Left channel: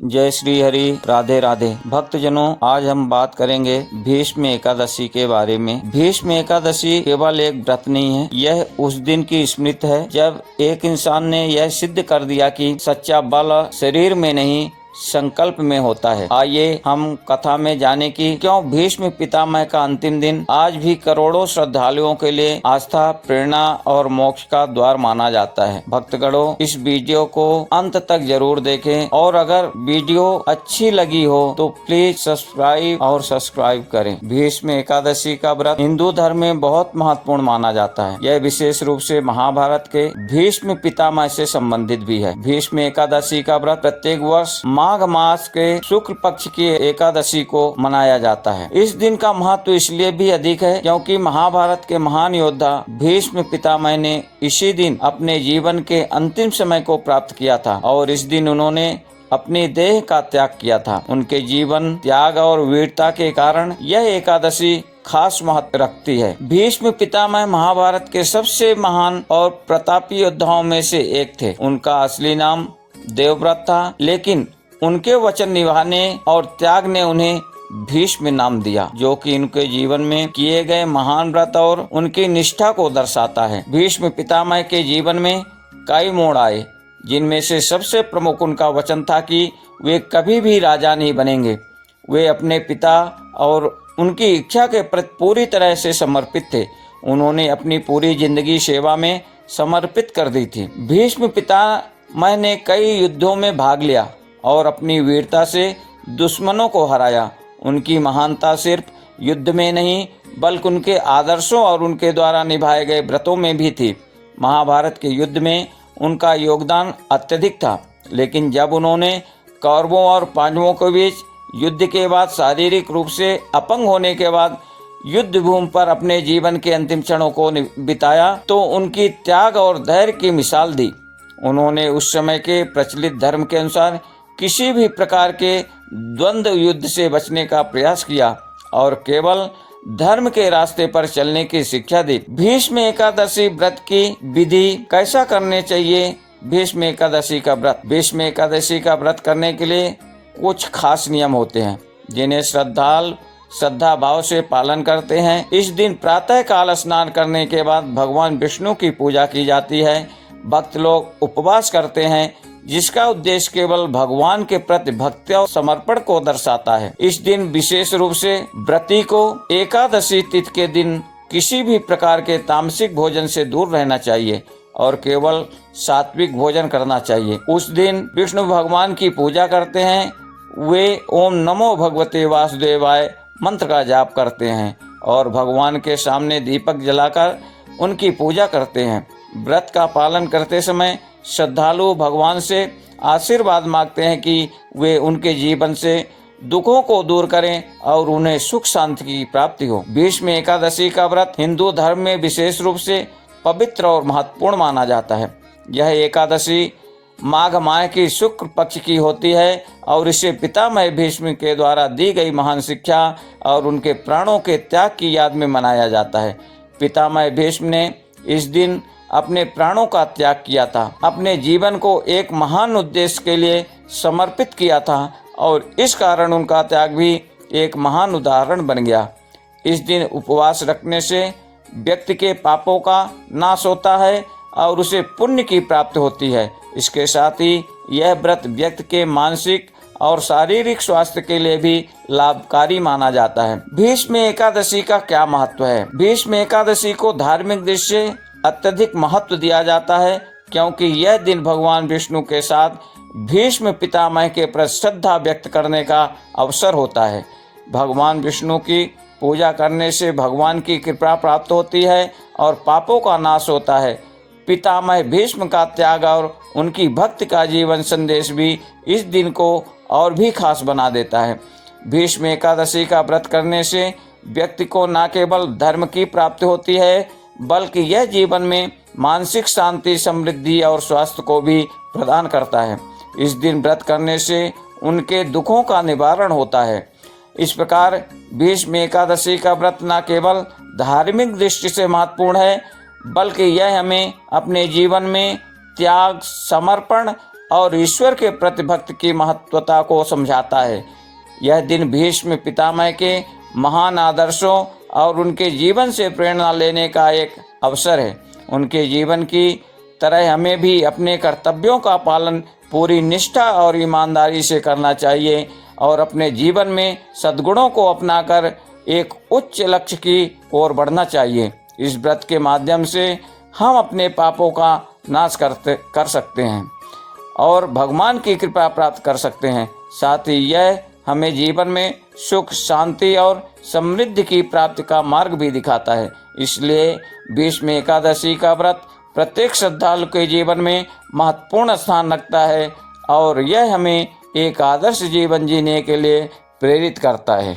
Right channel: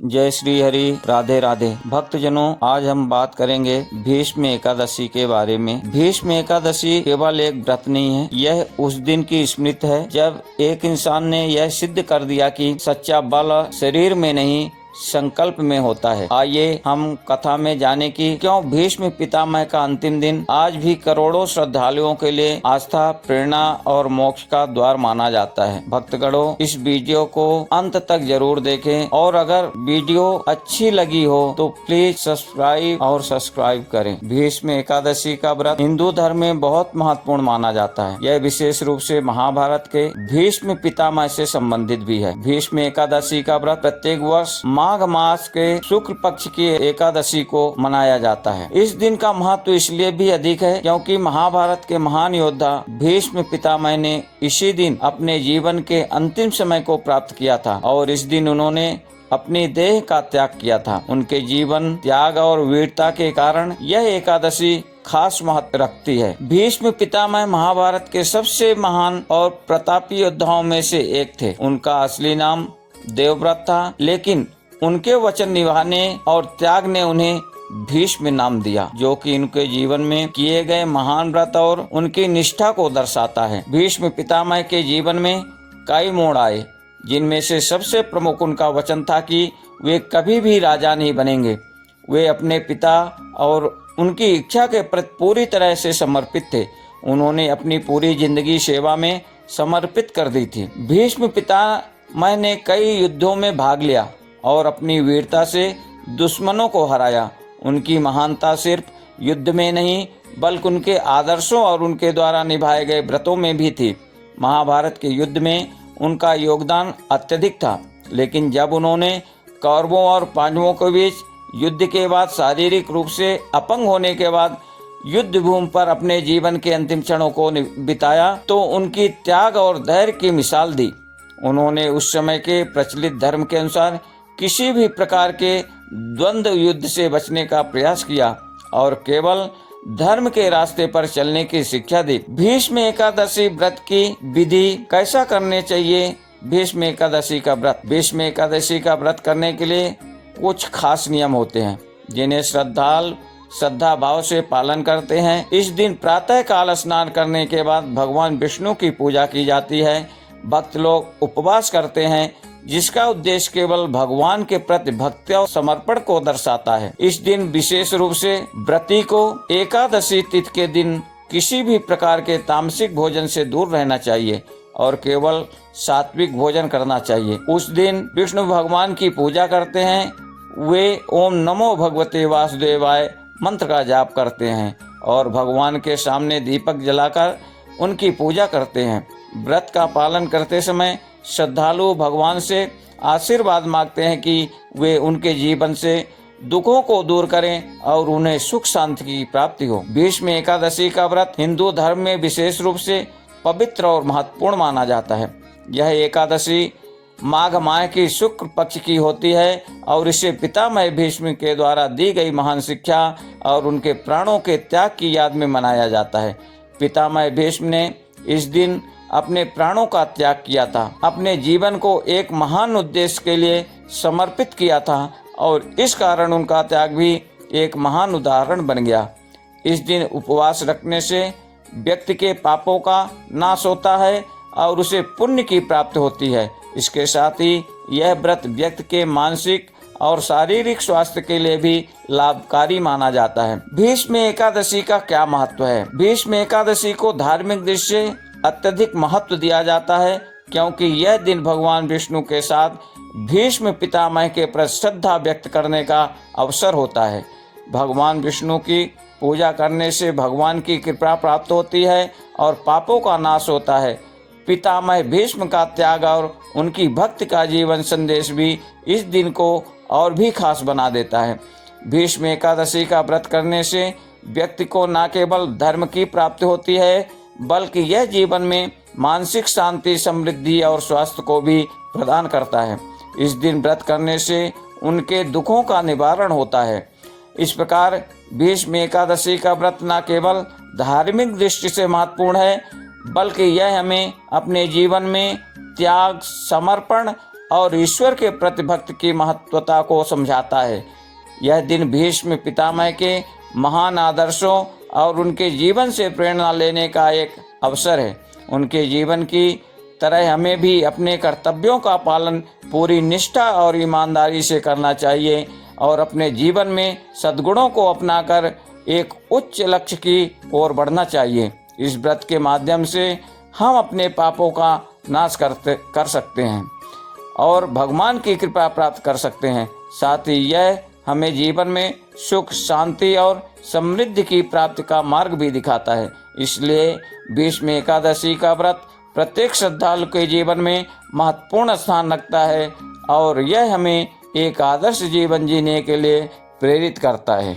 जय श्री हरि। राधे राधे। भक्तजनों, आज हम बात करेंगे भीष्म एकादशी के बारे में। भीष्म एकादशी केवल एक व्रत नहीं है, यह उस दिन की स्मृति है जब एक इंसान ने यह सिद्ध कर दिया कि सच्चा बल शरीर में नहीं संकल्प में होता है। आइए हम कथा में जाने कि क्यों भीष्म पितामह का अंतिम दिन आज भी करोड़ों श्रद्धालुओं के लिए आस्था, प्रेरणा और मोक्ष का द्वार माना जाता है। भक्तगणों, इस वीडियो को अंत तक जरूर देखें और अगर वीडियो अच्छी लगी हो तो प्लीज सब्सक्राइब करें। भीष्म एकादशी का व्रत हिंदू धर्म में बहुत महत्वपूर्ण माना जाता है। यह विशेष रूप से महाभारत के भीष्म पितामह से संबंधित भी है। भीष्म एकादशी का व्रत प्रत्येक वर्ष माघ मास के शुक्ल पक्ष की एकादशी को मनाया जाता है। इस दिन का महत्व इसलिए भी अधिक है क्योंकि महाभारत के महान योद्धा भीष्म पितामह ने इसी दिन अपने जीवन के अंतिम समय को प्राप्त किया था और इस दिन उन्होंने अपनी देह का त्याग किया था। उनके जीवन, त्याग और वीरता के कारण यह एकादशी खास महत्व रखती है। भीष्म पितामह महाभारत के सबसे महान और प्रतापी योद्धाओं में से एक थे। उनका असली नाम देवव्रत था, लेकिन उनके वचन निभाने और त्याग ने उन्हें भीष्म नाम दिया, जो कि उनके जीवन में किए गए महान व्रत और उनकी निष्ठा को दर्शाता है। भीष्म पितामह के जीवन में कई मोड़ आए, जिनमें से सबसे प्रमुख उनका वचन था कि वे कभी भी राजा नहीं बनेंगे। वे अपने पिता और उनकी इच्छा के प्रति पूरी तरह से समर्पित थे। उन्होंने अपनी पूरी जिंदगी सेवा में समर्पित कर दी थी। भीष्म पितामह ने कई युद्धों में भाग लिया और अपनी वीरता से दुश्मनों को हराया। उनकी महानता सिर्फ युद्ध में नहीं बल्कि उनके आदर्शों और उनके द्वारा निभाए गए व्रतों में भी थी। महाभारत के युद्ध में उनका योगदान अत्यधिक था, लेकिन जब उन्होंने कौरवों और पांडवों के बीच युद्ध के बाद शारीरिक रूप से अपंग होने के बाद युद्ध भूमि पर अपने जीवन के अंतिम क्षणों को बिताया तो उनकी त्याग और धैर्य की मिसाल दी। उन्होंने उस समय के प्रचलित धर्म के अनुसार किसी भी प्रकार के द्वंद्व युद्ध से बचने का प्रयास किया और केवल धर्म के रास्ते पर चलने की शिक्षा दी। भीष्म एकादशी व्रत की विधि कैसा करने चाहिए। भीष्म एकादशी का व्रत। भीष्म एकादशी का व्रत करने के लिए कुछ खास नियम होते हैं, जिन्हें श्रद्धा भाव से पालन करते हैं। इस दिन प्रातः काल स्नान करने के बाद भगवान विष्णु की पूजा की जाती है। भक्त लोग उपवास करते हैं, जिसका उद्देश्य केवल भगवान के प्रति भक्ति और समर्पण को दर्शाता है। इस दिन विशेष रूप से व्रती को एकादशी तिथि के दिन किसी भी प्रकार के तामसिक भोजन से दूर रहना चाहिए और केवल सात्विक भोजन करना चाहिए। उस दिन विष्णु भगवान की पूजा करते हैं। वे ओम नमो भगवते वासुदेवाय मंत्र का जाप करते हैं और भगवान के सामने दीपक जलाकर उनकी पूजा करते हैं। व्रत का पालन करते समय श्रद्धालु भगवान से आशीर्वाद मांगते हैं कि वे उनके जीवन से दुखों को दूर करें और उन्हें सुख शांति की प्राप्ति हो। भीष्म एकादशी का व्रत हिंदू धर्म में विशेष रूप से पवित्र और महत्वपूर्ण माना जाता है। यह एकादशी माघ माह की शुक्ल पक्ष की होती है और इसे पितामह भीष्म के द्वारा दी गई महान शिक्षा और उनके प्राणों के त्याग की याद में मनाया जाता है। पितामह भीष्म ने इस दिन अपने प्राणों का त्याग किया था, अपने जीवन को एक महान उद्देश्य के लिए समर्पित किया था और इस कारण उनका त्याग भी एक महान उदाहरण बन गया। इस दिन उपवास रखने से व्यक्ति के पापों का नाश होता है और उसे पुण्य की प्राप्ति होती है। इसके साथ ही यह व्रत व्यक्ति के मानसिक और शारीरिक स्वास्थ्य के लिए भी लाभकारी माना जाता है। भीष्म एकादशी का क्या महत्व है। भीष्म एकादशी को धार्मिक दृष्टि से अत्यधिक महत्व दिया जाता है क्योंकि यह दिन भगवान विष्णु के साथ भीष्म पितामह के प्रति श्रद्धा व्यक्त करने का अवसर होता है। भगवान विष्णु की पूजा करने से भगवान की कृपा प्राप्त होती है और पापों का नाश होता है। पितामह भीष्म का त्याग और उनकी भक्ति का जीवन संदेश भी इस दिन को और भी खास बना देता है। भीष्म एकादशी का व्रत करने से व्यक्ति को न केवल धर्म की प्राप्ति होती है बल्कि यह जीवन में मानसिक शांति, समृद्धि और स्वास्थ्य को भी प्रदान करता है। इस दिन व्रत करने से उनके दुखों का निवारण होता है। इस प्रकार भीष्म एकादशी का व्रत न केवल धार्मिक दृष्टि से महत्वपूर्ण है बल्कि यह हमें अपने जीवन में त्याग, समर्पण और ईश्वर के प्रति भक्ति की महत्वता को समझाता है। यह दिन भीष्म पितामह के महान आदर्शों और उनके जीवन से प्रेरणा लेने का एक अवसर है। उनके जीवन की तरह हमें भी अपने कर्तव्यों का पालन पूरी निष्ठा और ईमानदारी से करना चाहिए और अपने जीवन में सद्गुणों को अपनाकर एक उच्च लक्ष्य की ओर बढ़ना चाहिए। इस व्रत के माध्यम से हम अपने पापों का नाश कर सकते हैं और भगवान की कृपा प्राप्त कर सकते हैं। साथ ही यह हमें जीवन में सुख, शांति और समृद्धि की प्राप्ति का मार्ग भी दिखाता है। इसलिए भीष्म एकादशी का व्रत प्रत्येक श्रद्धालु के जीवन में महत्वपूर्ण स्थान रखता है और यह हमें एक आदर्श जीवन जीने के लिए प्रेरित करता है।